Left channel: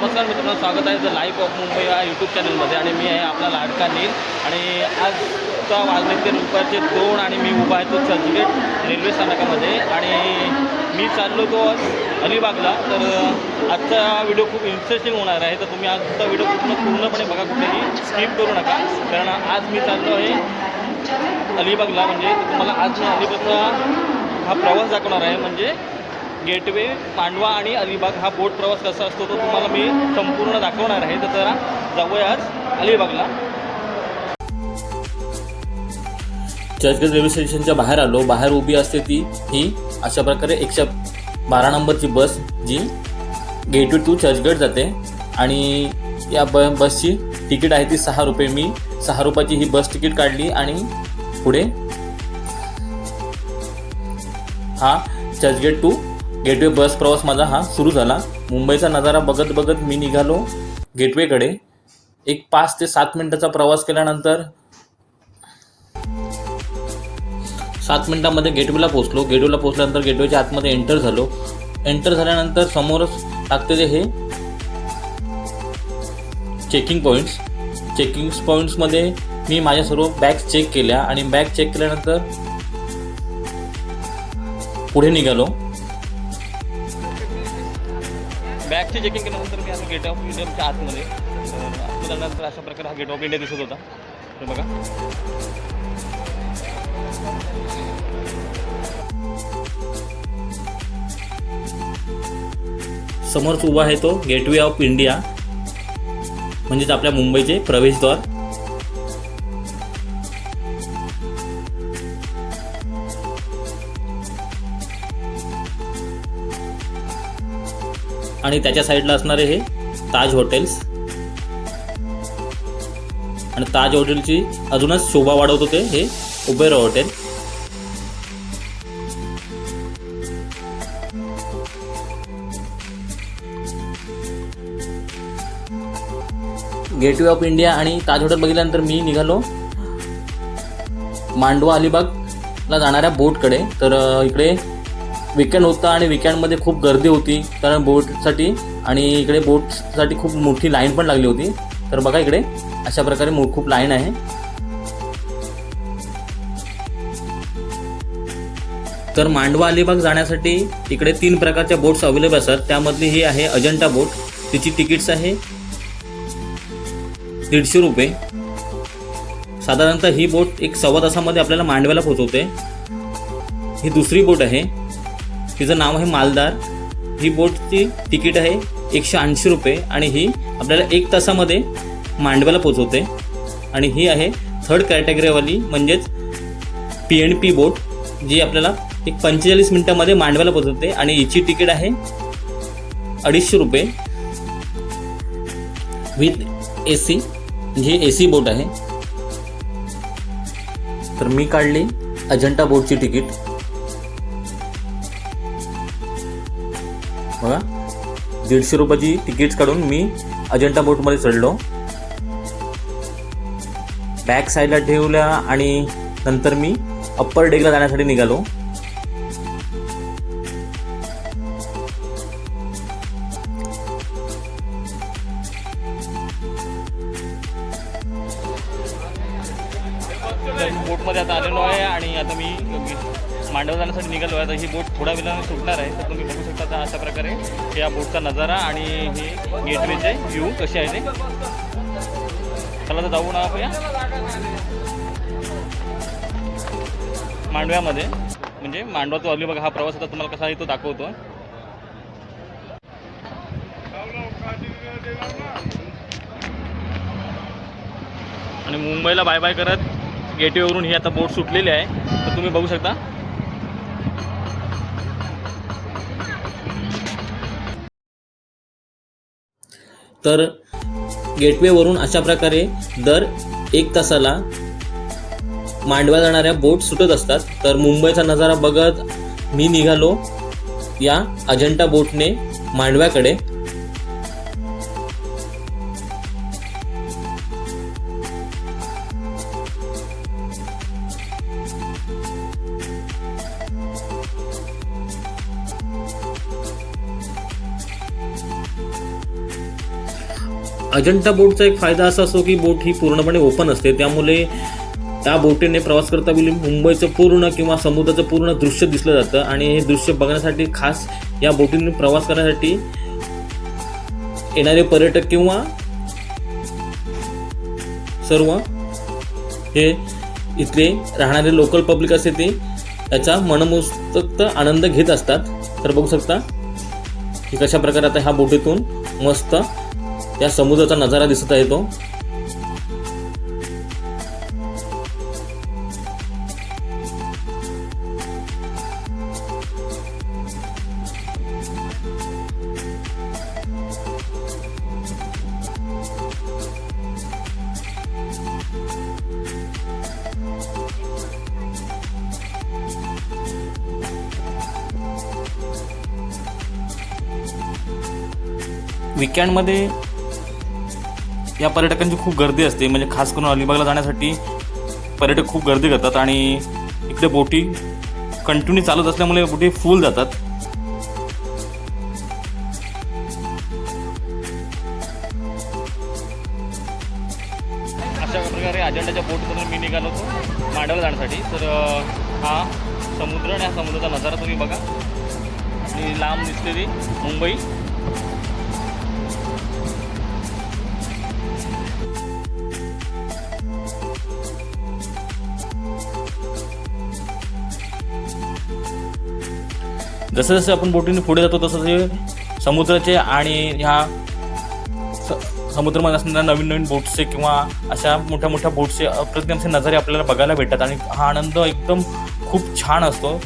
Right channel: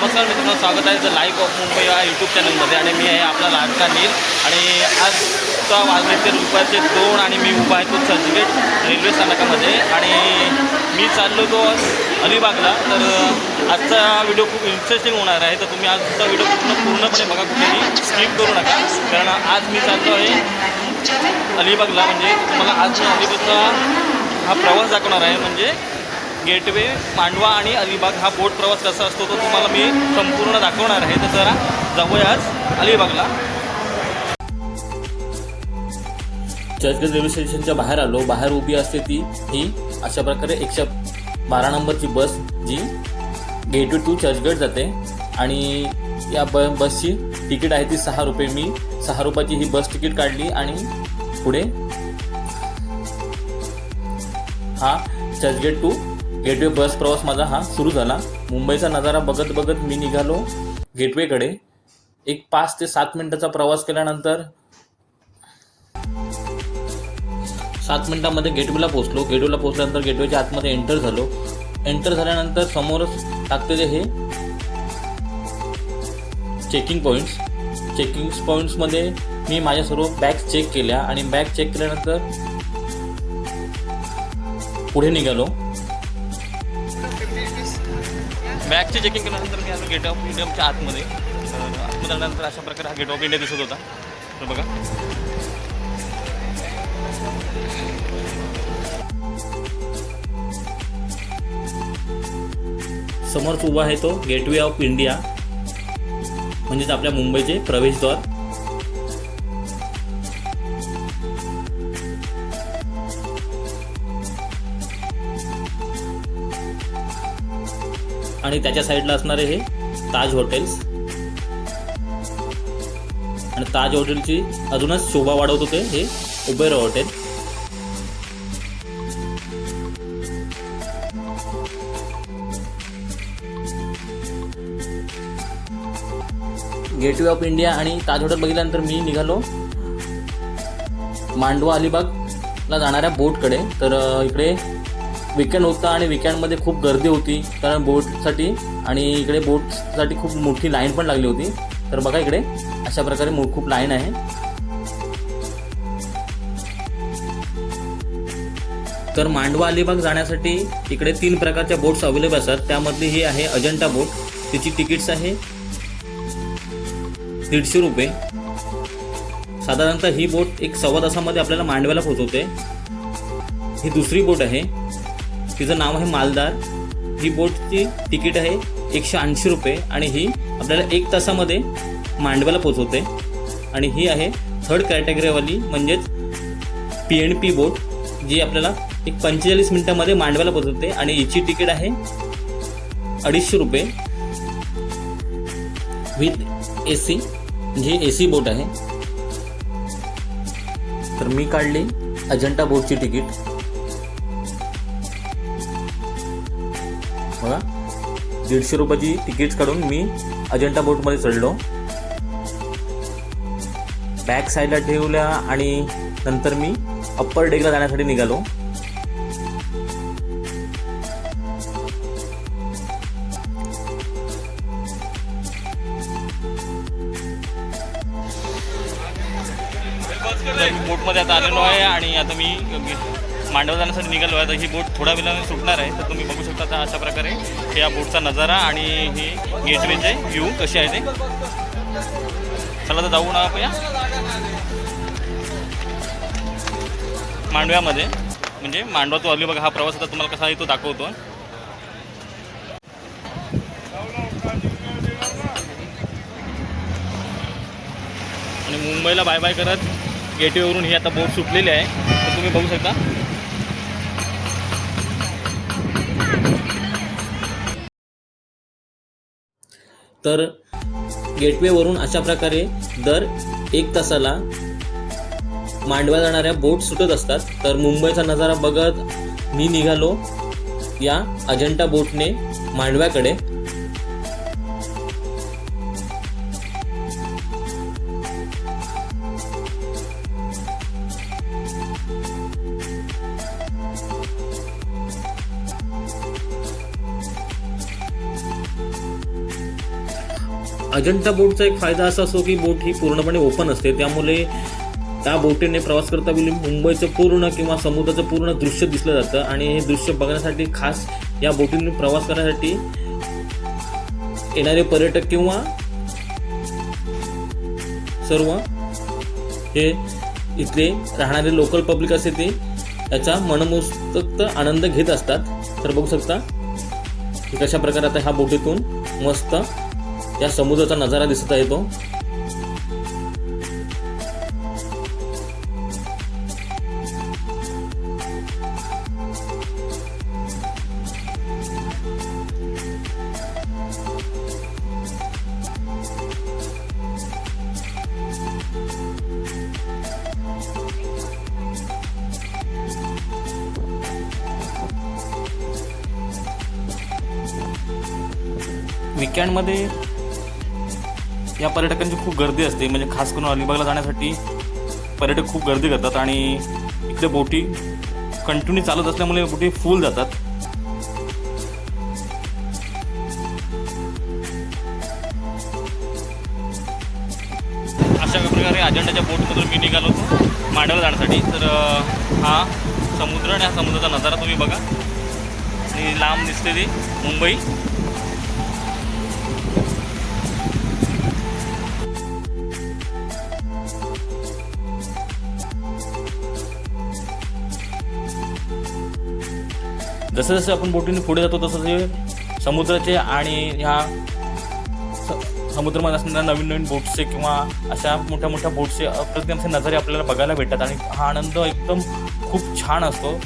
नमस्कार मित्रांनो, स्वागत आहे द लाईफ ऑफ मुंबई या यूट्यूब चॅनलमध्ये. आणि मी आहे आपला लाडका नील. आणि आजचा वाजले ते दुपारचे 2 आणि मी उभा आहे तो चर्चगेट रेल्वे स्थानकामध्ये. आणि मी चाललो तो अलिबागला. तर आजचा व्हिडिओ खूप इंटरेस्टिंग होणार आहे. तर तुम्ही आजचा व्हिडिओ पूर्णपणे बघा, कुठेही स्किप करू नका. कारण आज मी चाललो आहे अलिबागला. म्हणजे तुम्हाला आज मी अलिबागचा हा प्रवास दाखवणार आहे. म्हणजे गेटवे, मांडवा आणि अलिबाग हा बोट प्रवास कसा असतो तो तुम्हाला मी संपूर्ण दाखवणार आहे. तर जरा जाऊया आज अलिबागला. चर्चगेट रेल्वे स्टेशनच्या बाहेर आलो. बाहेर उभी असते ही अशा प्रकारे 112 नंबरची बस जी गेटवे टू चर्चगेट जाते. आणि या बसची तिकीट आहे ती 6 रुपये. मी 6 रुपयाची ही बस तिकीट काढली आणि पुढे हा चर्चगेट टू गेटवे बस प्रवास माझा हा सुरू झाला. मुंबईचा नजारा बघत बघत मी निघालो गेटवेकडे. एक 5 ते 7 मिनिटाचा प्रवास केल्यानंतर 7 मिनिटांमध्ये गेटवेला पोहोचलो. गेटवेला पोहोचल्यानंतर गेटवेच्या आतमध्ये एंटर झालो. एंटर झाल्यानंतर समोरच लागते हे चेकिंग पॉईंट्समध्ये मी माझ्या सर्व बॅग्स चेक केल्या. आणि बॅग चेक केल्यानंतर पुढे निघालो. बॅगची चेकिंग केल्यानंतर मी आलो गेट ऑफ इंडियाच्या आतमध्ये. तर आतमध्ये आल्यानंतर अशा प्रकारे हा गेट ऑफ इंडिया दिसत होता. तर बघा, समोरच उभा आहे तो गेटवे ऑफ इंडिया, म्हणजेच आपल्या मुंबईचे प्रवेशद्वार. आणि त्याच्या साईडला असणारे हे ताज हॉटेल्स. आणि ताज हॉटेलची अजूनच शोभा वाढवत होते हे Uber hotel. Gateway of India आणि ताज हॉटेल बघितल्यानंतर मी निघालो मांडवा अलिबागला जाणाऱ्या बोटकडे. तर इकडे वीकेंड होता आणि वीकेंडमध्ये खूप गर्दी होती कारण बोटसाठी. आणि इकडे बोटसाठी खूप मोठी लाईन पण लागली होती. तर बघा, इकडे अशा प्रकारे खूप लाईन आहे. तर मांडवा अलिबाग जाण्यासाठी इकडे 3 प्रकारच्या बोट्स अवेलेबल असतात. त्यामध्ये ही आहे अजंठा बोट. तिची तिकीट्स आहे 150 रुपये. साधारणतः ही बोट 1.25 तासामध्ये आपल्याला मांडव्याला पोहोचवते. ही दुसरी बोट आहे, तिचं नाव आहे मालदार. ही बोटची तिकीट आहे 180 रुपये आणि ही आपल्याला 1 तासामध्ये मांडव्याला पोहोचवते. आणि ही आहे 3rd कॅटेगरीवाली, म्हणजेच PNP बोट, जी आपल्याला 45 मिनिटांमध्ये मांडव्याला पोहोचवते. आणि हिची तिकीट आहे 250 रुपये विथ AC. ही AC बोट आहे. तर मी काढली अजंठा बोटची तिकीट. बघा, 150 रुपयाची तिकीट काढून मी अजंठा बोटमध्ये चढलो. बॅक साईडला ठेवल्या आणि नंतर मी अप्पर डेकला जाण्यासाठी निघालो. तर मी बोटमध्ये आता आलेलो आहे आणि आता मी मांडवा जाण्यासाठी निघालो आहे. तर ही बोट थोड्या वेळाने सुटणार आहे. तर तुम्ही बघू शकता तर अशा प्रकारे या बोटचा नजारा आणि ही गेटवेचे व्ह्यू कसे आहे ते. चला तर जाऊ ना आपण मांडव्यामध्ये. म्हणजे मांडवा तो अलिबाग हा प्रवास आता तुम्हाला कसा आहे तो दाखवतो. आणि मुंबईला बाय बाय करत गेटवेवरून ही आता बोट सुटलेली आहे. तर तुम्ही बघू शकता. तर गेटवेवरून अशा प्रकारे दर 1 तासाला मांडवा जाणाऱ्या बोट सुटत असतात. तर मुंबईचा नजारा बघत मी निघालो या अजंठा बोटने मांडव्याकडे. अजंठा बोटचा एक फायदा असा असतो की बोट ही पूर्णपणे ओपन असते, त्यामुळे त्या बोटीने प्रवास करता वेळी मुंबईचं पूर्ण किंवा समुद्राचं पूर्ण दृश्य दिसलं जातं आणि हे दृश्य बघण्यासाठी खास या बोटीने प्रवास करण्यासाठी येणारे पर्यटक किंवा सर्व हे इथले राहणारे लोकल पब्लिक असते ते याचा मनमोहक आनंद घेत असतात. तर बघू शकता की कशा प्रकारे आता ह्या बोटीतून मस्त या समुद्राचा नजारा दिसत आहे तो. वीकेंडमध्ये या पर्यटकांची खूप गर्दी असते, म्हणजे खास करून अलिबागला जाण्यासाठी पर्यटक खूप गर्दी करतात आणि इकडे बोटी कंटिन्यू चालत असल्यामुळे बोटी फुल जातात. अशा प्रकारे अजंठाच्या बोटमधून मी निघालो होतो मांडवला जाण्यासाठी. तर हा समुद्र आणि हा समुद्राचा नजारा तुम्ही बघा आणि लांब दिसते ती मुंबई. जसं जसं आपण बोटीने पुढे जातो तसं ते समुद्राचे आणि ह्या समुद्रामध्ये असणाऱ्या नवीन नवीन बोट्सचे किंवा अशा मोठ्या मोठ्या बोट्सचे अप्रतिम असे नजारे आपल्याला बघायला भेटतात आणि हा आनंद एकदम खूप छान असतो.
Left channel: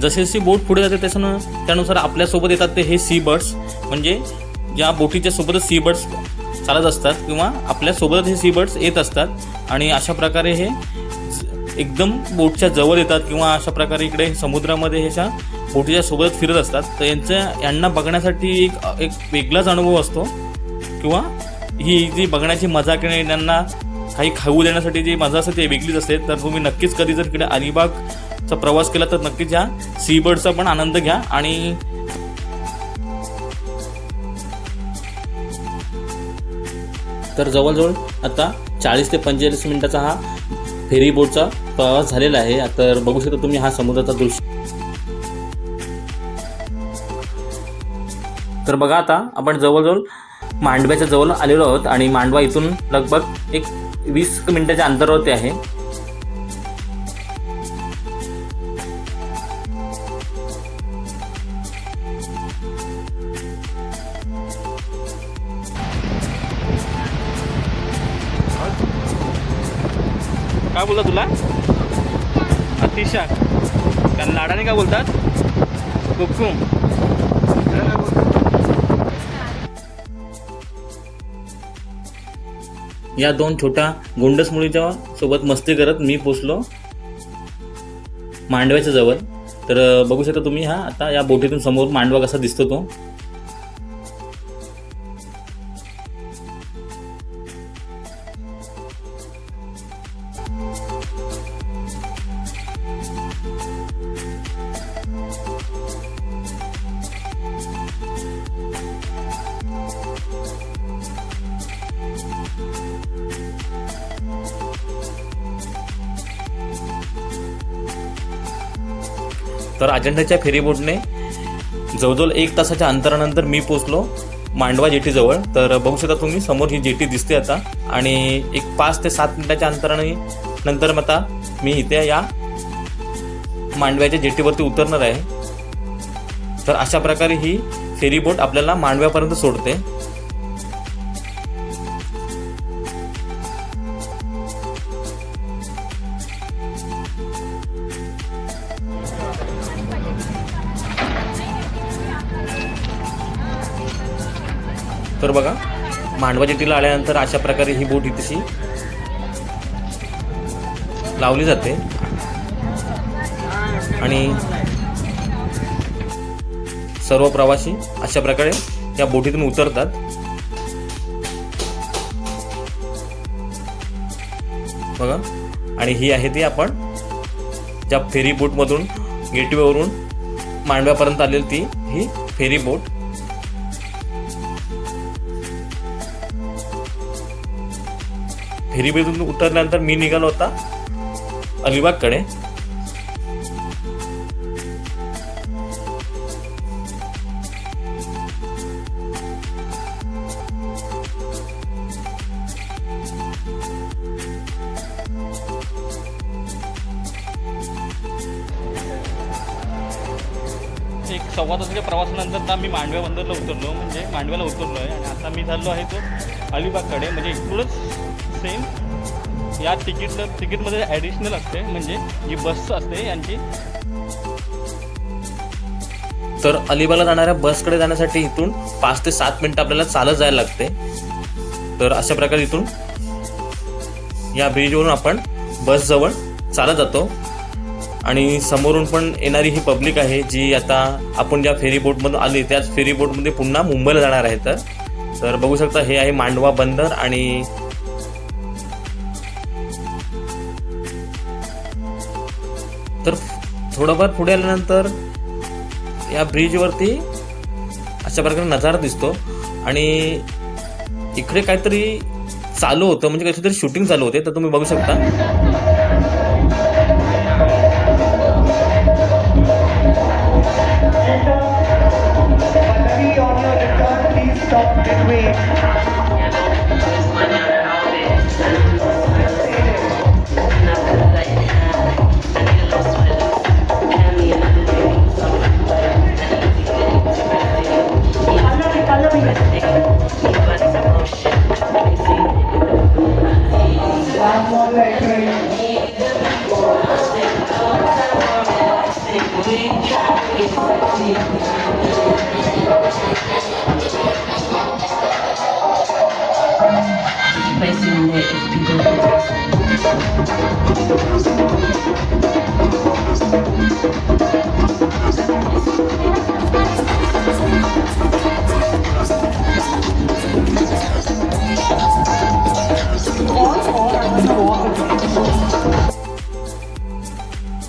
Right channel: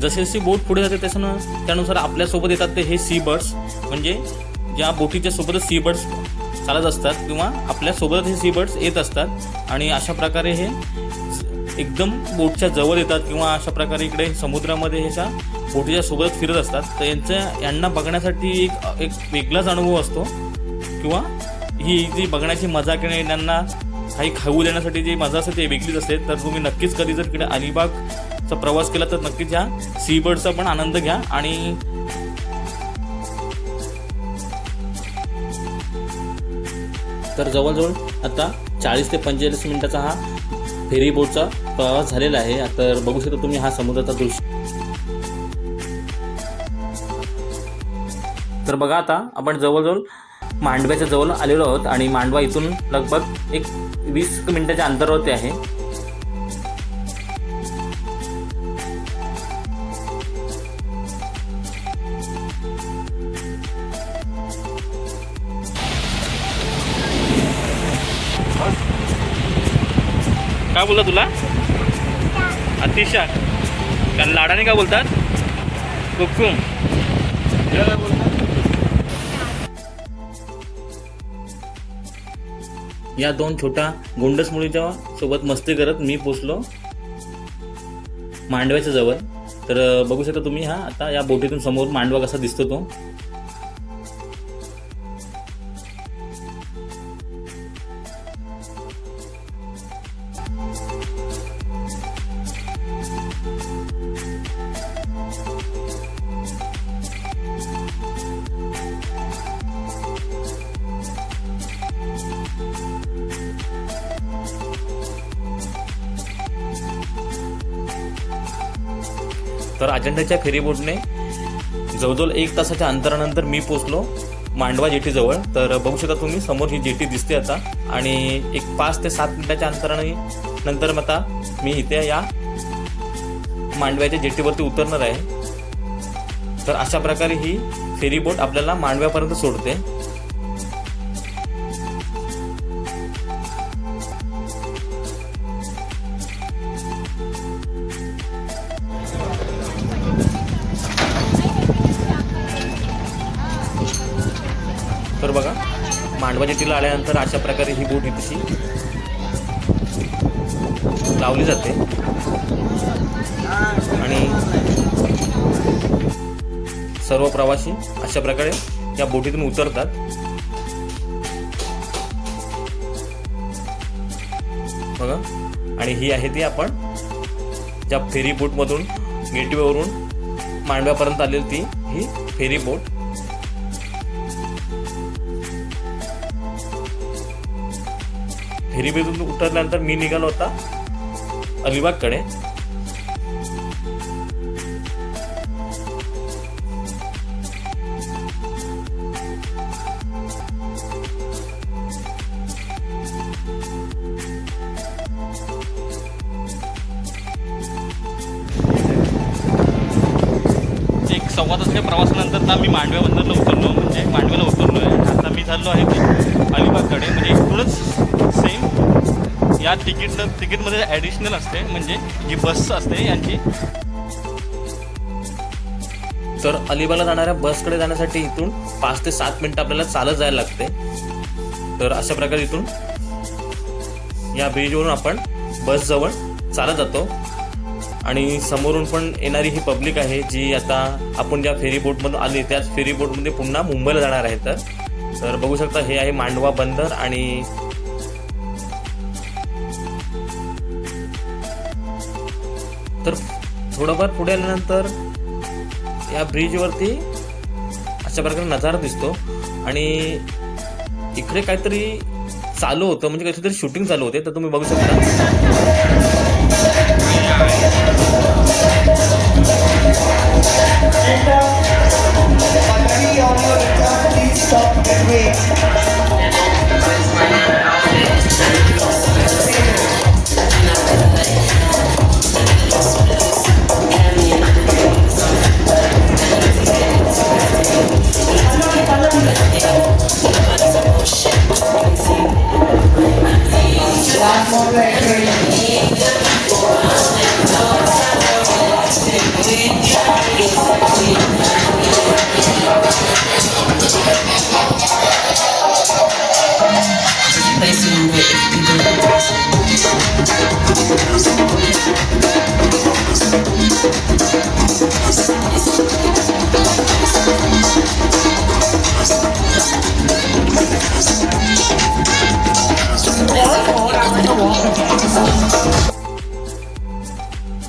जसे जशी बोट पुढे जाते त्यानुसार आपल्यासोबत येतात ते हे सी बर्ड्स, म्हणजे या बोटीच्या सोबतच सी बर्ड्स चालत असतात किंवा आपल्यासोबत हे सी बर्ड्स येत असतात आणि अशा प्रकारे हे एकदम बोटच्या जवळ येतात किंवा अशा प्रकारे इकडे समुद्रामध्ये ह्याच्या बोटीच्या सोबत फिरत असतात. तर यांना बघण्यासाठी एक वेगळाच अनुभव असतो किंवा ही जी बघण्याची मजा किंवा त्यांना काही खाऊ देण्यासाठी जी मजा असते ती वेगळीच असते. तर तुम्ही नक्कीच कधी जर इकडे अलिबागचा प्रवास केला तर नक्कीच या सी बर्डचा पण आनंद घ्या. आणि तर जवळजवळ आता 40 ते 45 मिनिटाचा हा फेरी बोटचा प्रवास झालेला आहे. तर बघू शकता तुम्ही हा समुद्राचा दृश्य. तर बघा आता आपण जवळजवळ मांडव्याच्या जवळ आलेलो आहोत आणि मांडवा इथून लगभग एक 20 मिनिटाच्या अंतरावरती आहे. काय बोलतात तुला? अतिशाक. कारण लाडाने काय बोलतात? कुक्कुम. या दोन छोट्या गोंडस मुलीच्या सोबत मस्ती करत मी पोचलो मांडव्याच्या जवळ. तर बघू शकता तुम्ही हा आता या बोटीतून समोर मांडवा कसा दिसतो तो. तर अजंठाच्या फेरीबोटने जवळजवळ 1 तासाच्या अंतरानंतर मी पोचलो मांडवा जेटीजवळ. तर बघू शकता तुम्ही समोर ही जेटी दिसते आता आणि एक 5 ते 7 मिनिटाच्या अंतराने नंतर आता मी इथे या मांडव्याच्या जेटीवरती उतरणार आहे. तर अशा प्रकारे ही फेरीबोट आपल्याला मांडव्यापर्यंत सोडते. बघा मांडवा जेटीला आल्यानंतर अशा प्रकारे ही बोट इथशी लावली जाते आणि सर्व प्रवासी अशा प्रकारे या बोटीतून उतरतात. बघा आणि ही आहे ती आपण ज्या फेरी बोटमधून गेटवेवरून मांडव्यापर्यंत आलेली ती ही फेरी बोट. फेरी बोटून उतरल्यानंतर मी निघालो होता अलिबागकडे. एक 1.25 तासाच्या प्रवासानंतर ना मी मांडव्या बंदरला उतरलो, म्हणजे मांडव्याला उतरलो आहे. आणि आता मी चाललो आहे तो अलिबागकडे. म्हणजे इकडूनच सेम या तिकीटमध्ये ॲडिशनल असते, म्हणजे जी बस असते यांची. तर अलिबागला जाणाऱ्या बसकडे जाण्यासाठी इथून 5 ते 7 मिनिटं आपल्याला चालत जायला लागते. तर अशा प्रकारे इथून या ब्रिजवरून आपण बसजवळ चालत जातो आणि समोरून पण येणारी ही पब्लिक आहे जी आता आपण ज्या फेरी बोटमधून आली त्याच फेरी बोटमध्ये पुन्हा मुंबईला जाणार आहे. तर बघू शकता हे आहे मांडवा बंदर. आणि तर थोडंफार पुढे आल्यानंतर या ब्रिजवरती अशा प्रकारे नजारा दिसतो आणि इकडे काहीतरी चालू होतं, म्हणजे काहीतरी शूटिंग चालू होते. तर तुम्ही बघू शकता.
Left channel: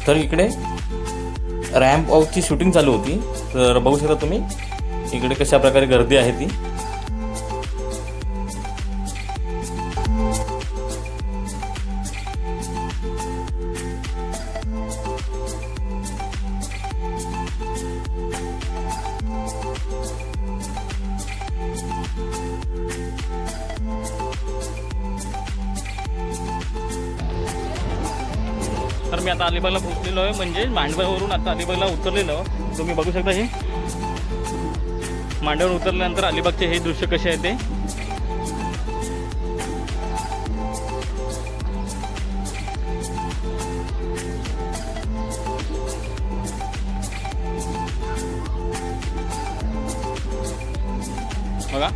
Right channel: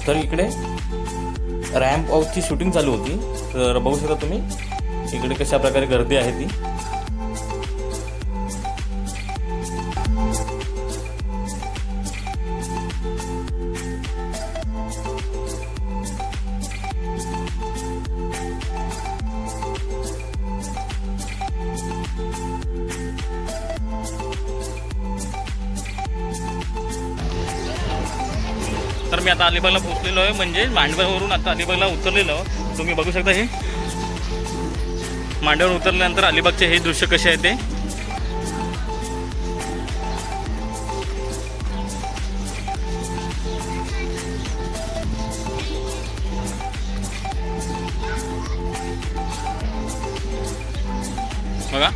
तर इकडे रॅम्प वॉकची शूटिंग चालू होती. तर बघू शकता तुम्ही इकडे कशा प्रकारे गर्दी आहे ती. तर मी आता अलिबागला पोहोचलेलो आहे, म्हणजे मांडव्यावरून आता अलिबागला उतरलेलो. तुम्ही बघू शकता हे मांडव्यावर उतरल्यानंतर अलिबागचे हे दृश्य कसे आहे ते. बघा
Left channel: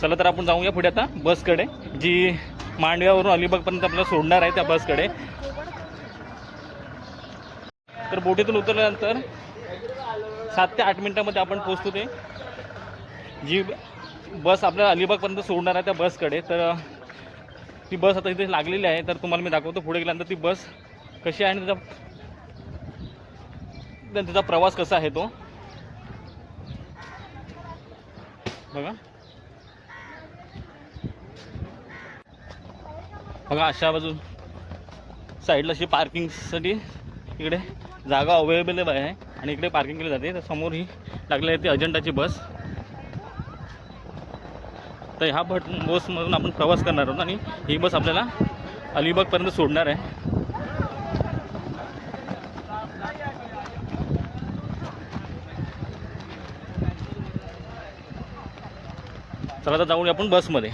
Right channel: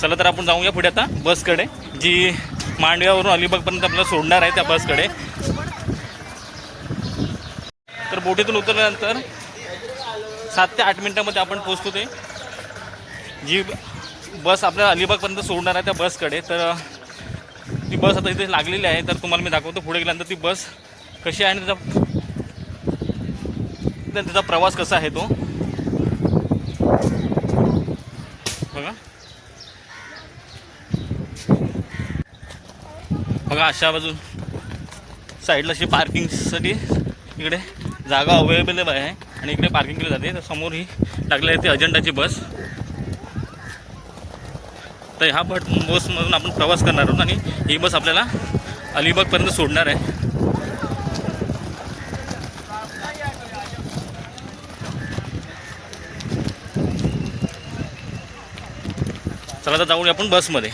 चला तर आपण जाऊया पुढे आता बसकडे, जी मांडव्यावरून अलिबागपर्यंत आपल्याला सोडणार आहे त्या बसकडे. तर बोटीतून उतरल्यानंतर 7 ते 8 मिनिटांमध्ये आपण पोहोचतो ते जी बस आपल्याला अलिबागपर्यंत सोडणार आहे त्या बसकडे. तर ती बस आता इथे लागलेली आहे. तर तुम्हाला मी दाखवतो पुढे गेल्यानंतर ती बस कशी आहे आणि त्याचा प्रवास कसा आहे तो. बघा बघा अशा बाजून साईडला अशी पार्किंगसाठी इकडे जागा अवेलेबल आहे आणि इकडे पार्किंग केली जाते. तर समोर ही लागली आहे ती अजंठाची बस. तर ह्या बसमधून आपण प्रवास करणार आहोत आणि ही बस आपल्याला अलिबागपर्यंत सोडणार आहे. चला तर जाऊया आपण बसमध्ये.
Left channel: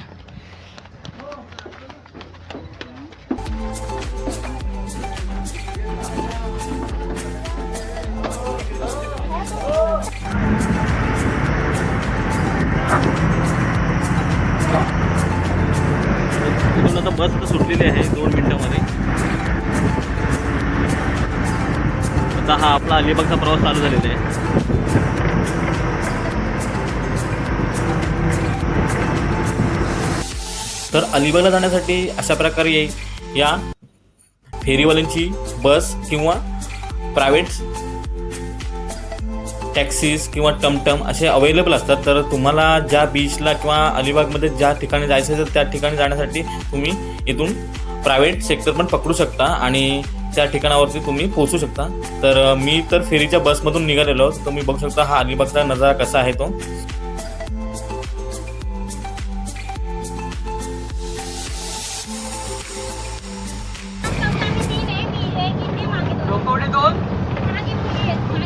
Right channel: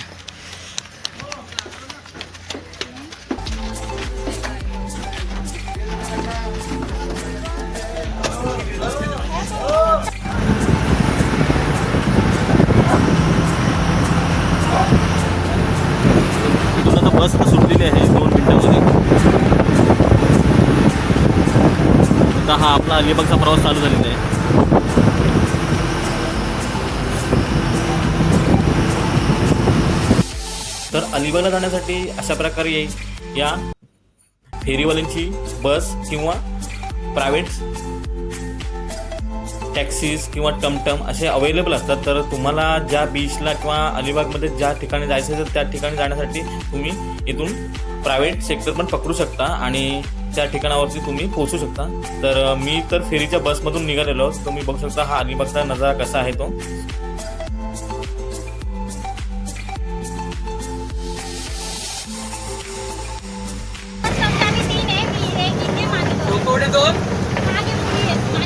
आता हा आपला अलिबागचा प्रवास चालू झालेला आहे. तर अलिबागला जाण्यासाठी अशा प्रकारे या फेरीवाल्यांची बस किंवा प्रायव्हेट टॅक्सीज किंवा टमटम असे अवेलेबल असतात. तर तुम्हाला ज्या बीचला किंवा अलिबागमध्ये ज्या ठिकाणी जायचं आहे तर त्या ठिकाणी जाण्यासाठी तुम्ही इथून प्रायव्हेट सेक्टर पण पकडू शकता आणि त्या ठिकाणावरती तुम्ही पोहोचू शकता. तर मी तर फेरीच्या बसमधून निघालेलो. तुम्ही बघू शकता हा अलिबागचा नजारा कसा आहे तो.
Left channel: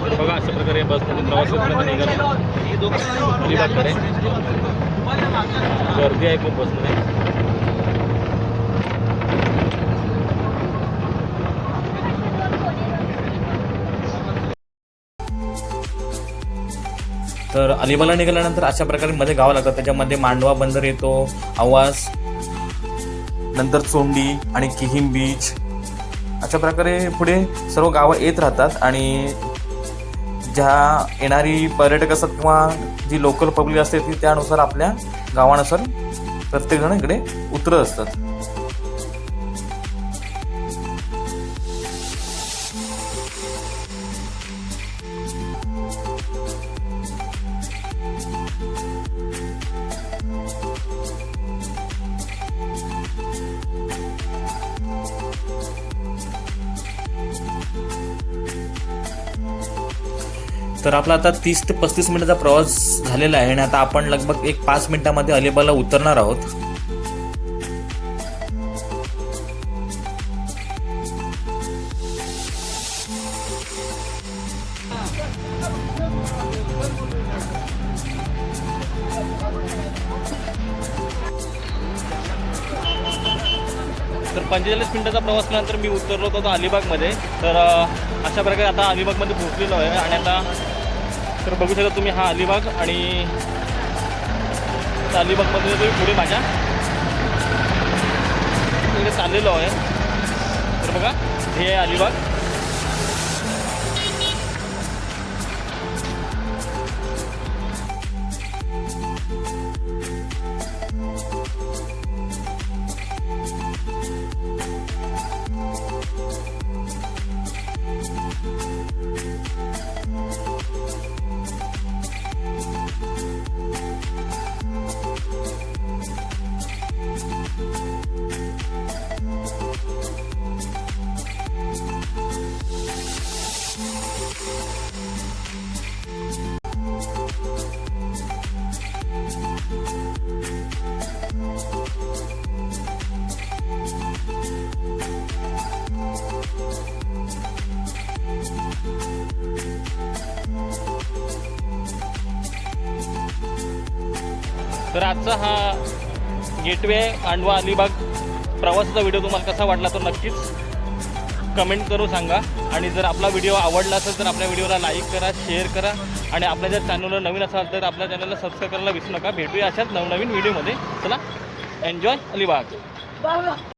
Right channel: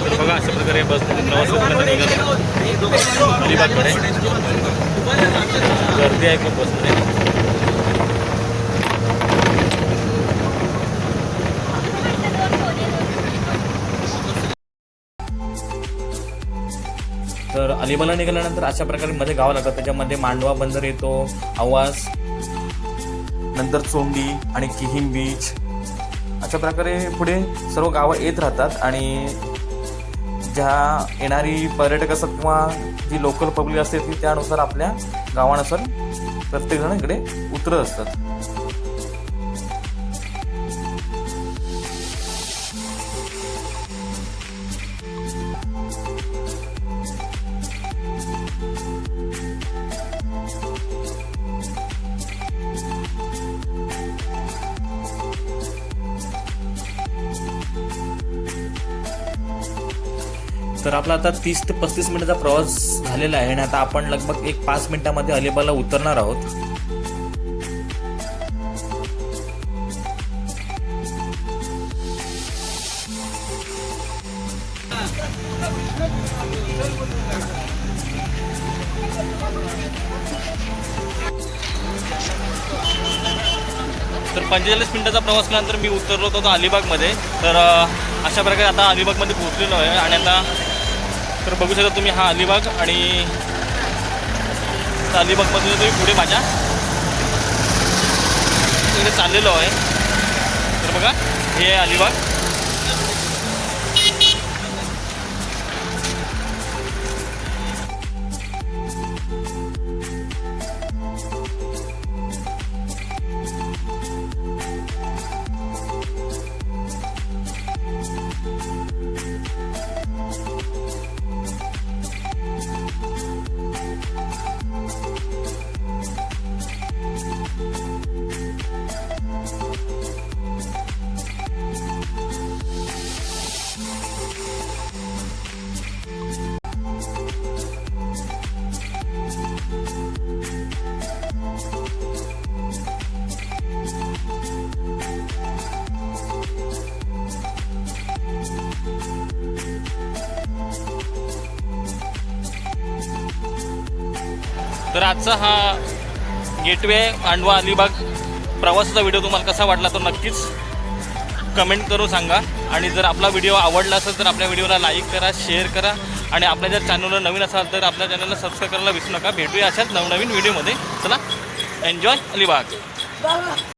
तर बघा अशा प्रकारे बसमधून प्रवास करताना निघालो अलिबागकडे. गर्दी आहे खूप बसमध्ये. तर अलिबागला निघाल्यानंतर अशा प्रकारे मध्ये गावं लागतात. त्याच्यामध्ये मांडवा बंदर येतो, आवास, नंतर चोंडी आणि किहीम बीच अशा प्रकारे पुढे सर्व गावं येत राहतात. आणि ज्या येणारी पर्यटक असतात किंवा जी लोकल पब्लिक असते ती त्यानुसार आपल्या गावानुसार प्रत्येकजण इकडे उतरत असतात. तर आपला आता 30 ते 35 मिनिटाचा प्रवास झालेला आहे आणि आता आपण लगभग 5 मिनिटांमध्ये अलिबागला उतरणार आहोत. तर 45 मिनिटाचा प्रवास केल्यानंतर मी उतरलो होतो अलिबागमध्ये. तर अशा प्रकारे आता अलिबागमध्ये पोहोचलेलो आहे आणि आता तर बघू शकता तुम्ही हा अलिबाग. आणि अलिबागमध्ये तुम्ही पुढे माझ्या इकडे चाललेलो आहे. तर बघा हे आहे अलिबाग. तर आजचा हा गेटवे मांडवा अलिबाग प्रवासाचा व्हिडिओ तुम्हाला कसा वाटला तर नक्कीच कमेंट करून सांगा. आणि जर आपला व्हिडिओ आवडला असेल तर आपल्या व्हिडिओला लाईक करा, शेअर करा आणि आपल्या जर चॅनलवर नवीन असाल तर आपल्या चॅनलला सबस्क्राईब करायला विसरू नका. भेटूया अशाच नवनवीन व्हिडिओमध्ये. चला, एन्जॉय अलिबाग.